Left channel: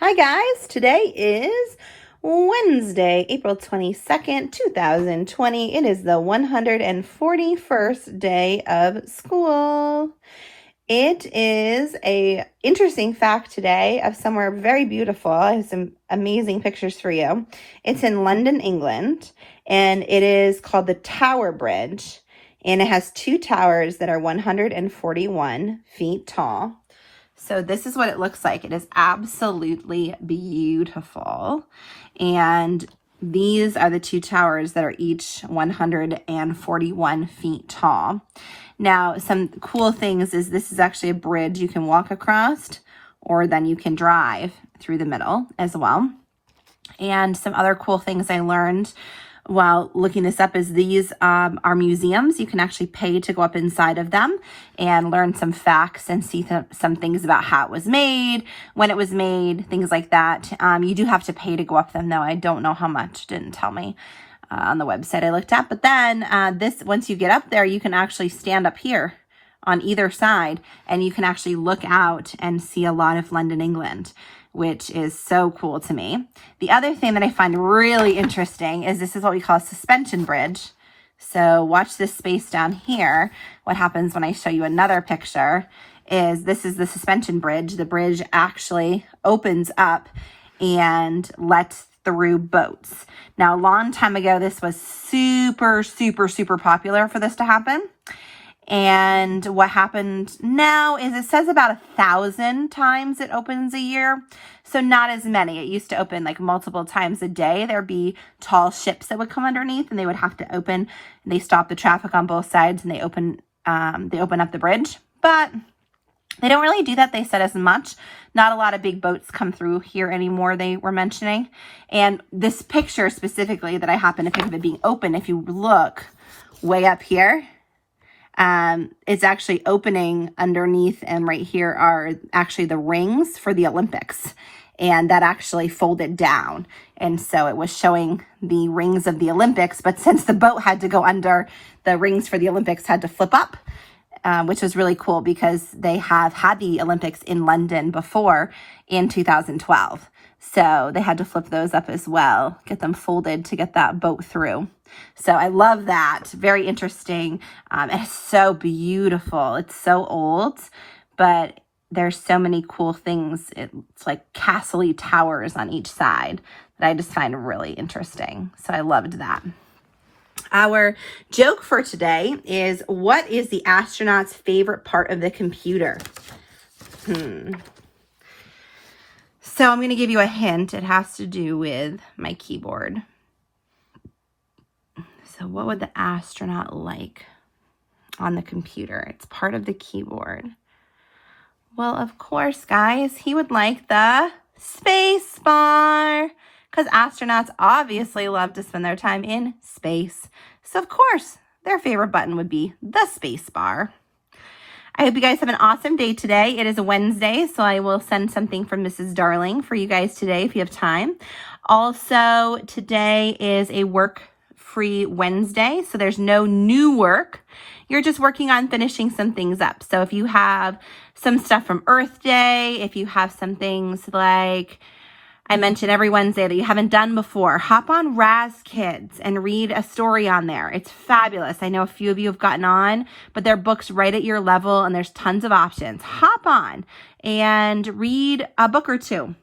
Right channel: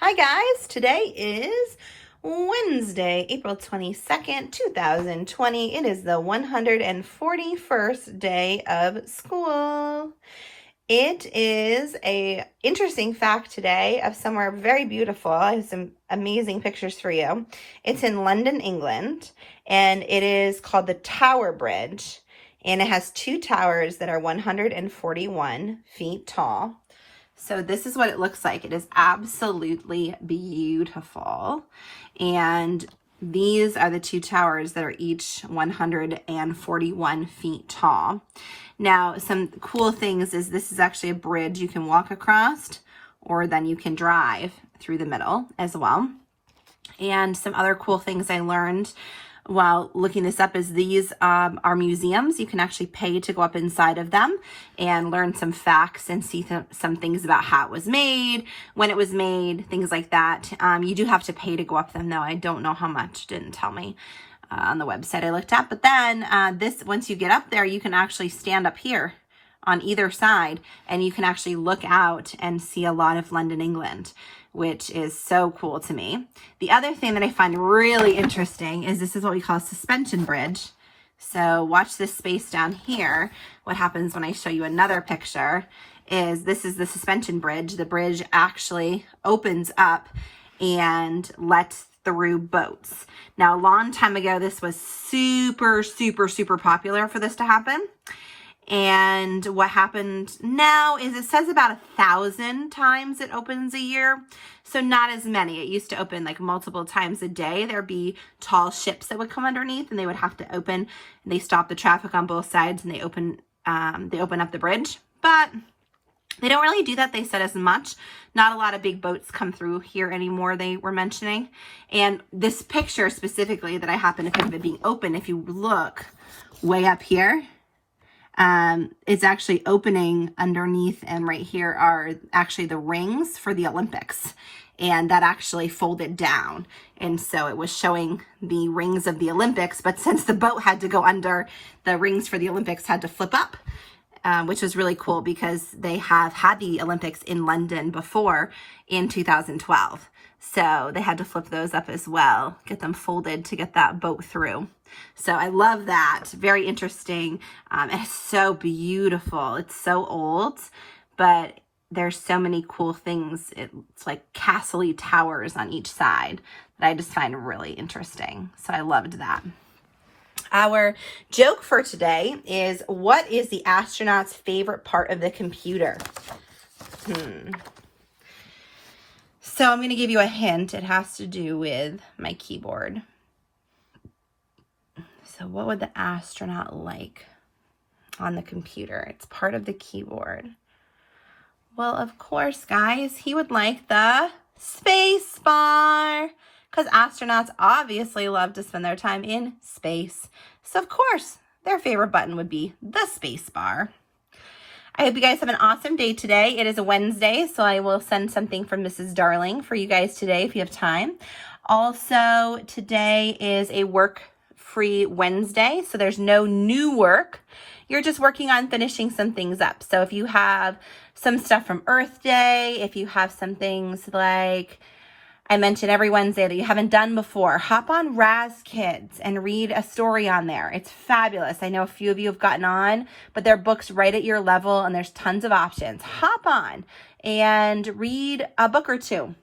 Hi guys, today is Wednesday, April 22nd, 2020. It is the 141st day of school. It is a interesting fact today of somewhere very beautiful. I have some amazing pictures for you. It's in London, England, and it is called the Tower Bridge, and it has two towers that are 141 feet tall. So this is what it looks like. It is absolutely beautiful. And these are the two towers that are each 141 feet tall. Now, some cool things is this is actually a bridge you can walk across, or then you can drive through the middle as well. And some other cool things I learned while looking this up is these are museums. You can actually pay to go up inside of them and learn some facts and see some things about how it was made, when it was made, things like that. You do have to pay to go up them though. I don't know how much, didn't tell me on the website I looked at. But then once you get up there, you can actually stand up here on either side and you can actually look out and see a lot of London, England, which is so cool to me. The other thing that I find really interesting is this is what we call a suspension bridge. So watch this space down here. What happens when I show you another picture is this is the suspension bridge. The bridge actually opens up and lets through boats. Now, a long time ago, this was super, super, super popular for this to happen. And what happened now is it says about 1,000 times it opens a year. So not as many. It used to open like multiple times a day. There'd be tall ships that would come underneath and they would have to open. They stop the traffic on both sides and they open up the bridge. But they don't really do that, they said, as much. Not a lot of big boats come through here anymore, they were mentioning. And this picture specifically that I happen to think of it being open, if you look way up here, it's actually opening underneath, and right here are actually the rings for the Olympics, and that actually folded down. And so it was showing the rings of the Olympics, but since the boat had to go under, the rings for the Olympics had to flip up, which was really cool because they have had the Olympics in London before in 2012. So they had to flip those up as well, get them folded to get that boat through. So I love that. Very interesting. It's so beautiful. It's so old, but there's so many cool things. It's like castle-y towers on each side that I just find really interesting. So I loved that. Our joke for today is, what is the astronaut's favorite part of the computer? So I'm going to give you a hint. It has to do with my keyboard. So what would the astronaut like on the computer? It's part of the keyboard. Well, of course, guys, he would like the space bar, because astronauts obviously love to spend their time in space. So of course, their favorite button would be the space bar. I hope you guys have an awesome day today. It is a Wednesday, so I will send something from Mrs. Darling for you guys today if you have time. Also, today is a work-free Wednesday, so there's no new work. You're just working on finishing some things up. So if you have some stuff from Earth Day, if you have some things like I mention every Wednesday that you haven't done before, hop on Raz Kids and read a story on there. It's fabulous. I know a few of you have gotten on, but they're books right at your level and there's tons of options. Hop on and read a book or two.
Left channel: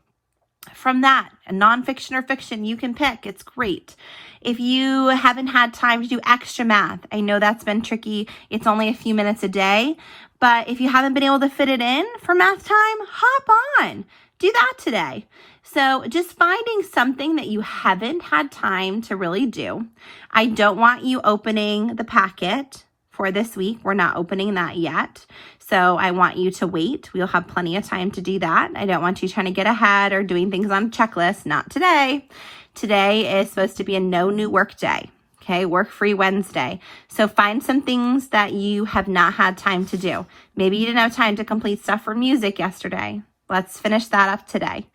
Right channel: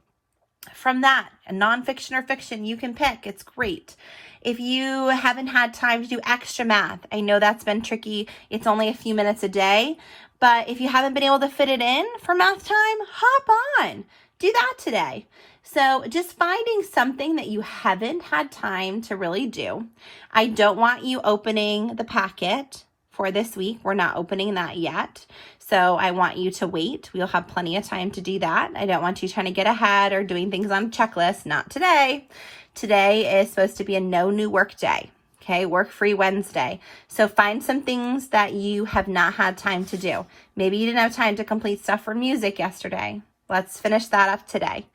From that, a nonfiction or fiction, you can pick. It's great. If you haven't had time to do extra math, I know that's been tricky. It's only a few minutes a day, but if you haven't been able to fit it in for math time, hop on. Do that today. So just finding something that you haven't had time to really do. I don't want you opening the packet for this week. We're not opening that yet. So I want you to wait. We'll have plenty of time to do that. I don't want you trying to get ahead or doing things on a checklist. Not today. Today is supposed to be a no new work day. Okay, work-free Wednesday. So find some things that you have not had time to do. Maybe you didn't have time to complete stuff for music yesterday. Let's finish that up today.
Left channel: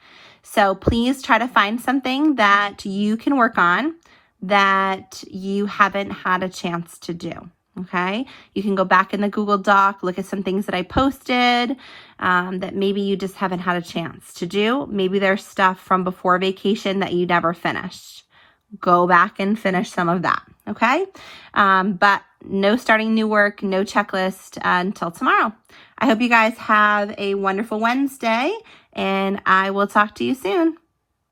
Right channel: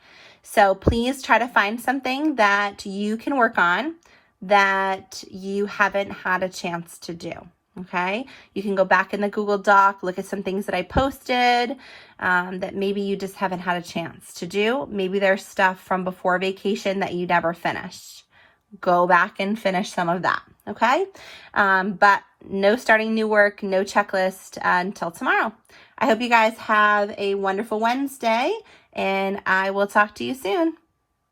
So please try to find something that you can work on that you haven't had a chance to do. Okay, you can go back in the Google Doc, look at some things that I posted that maybe you just haven't had a chance to do. Maybe there's stuff from before vacation that you never finished. Go back and finish some of that, okay? But no starting new work, no checklist until tomorrow. I hope you guys have a wonderful Wednesday, and I will talk to you soon.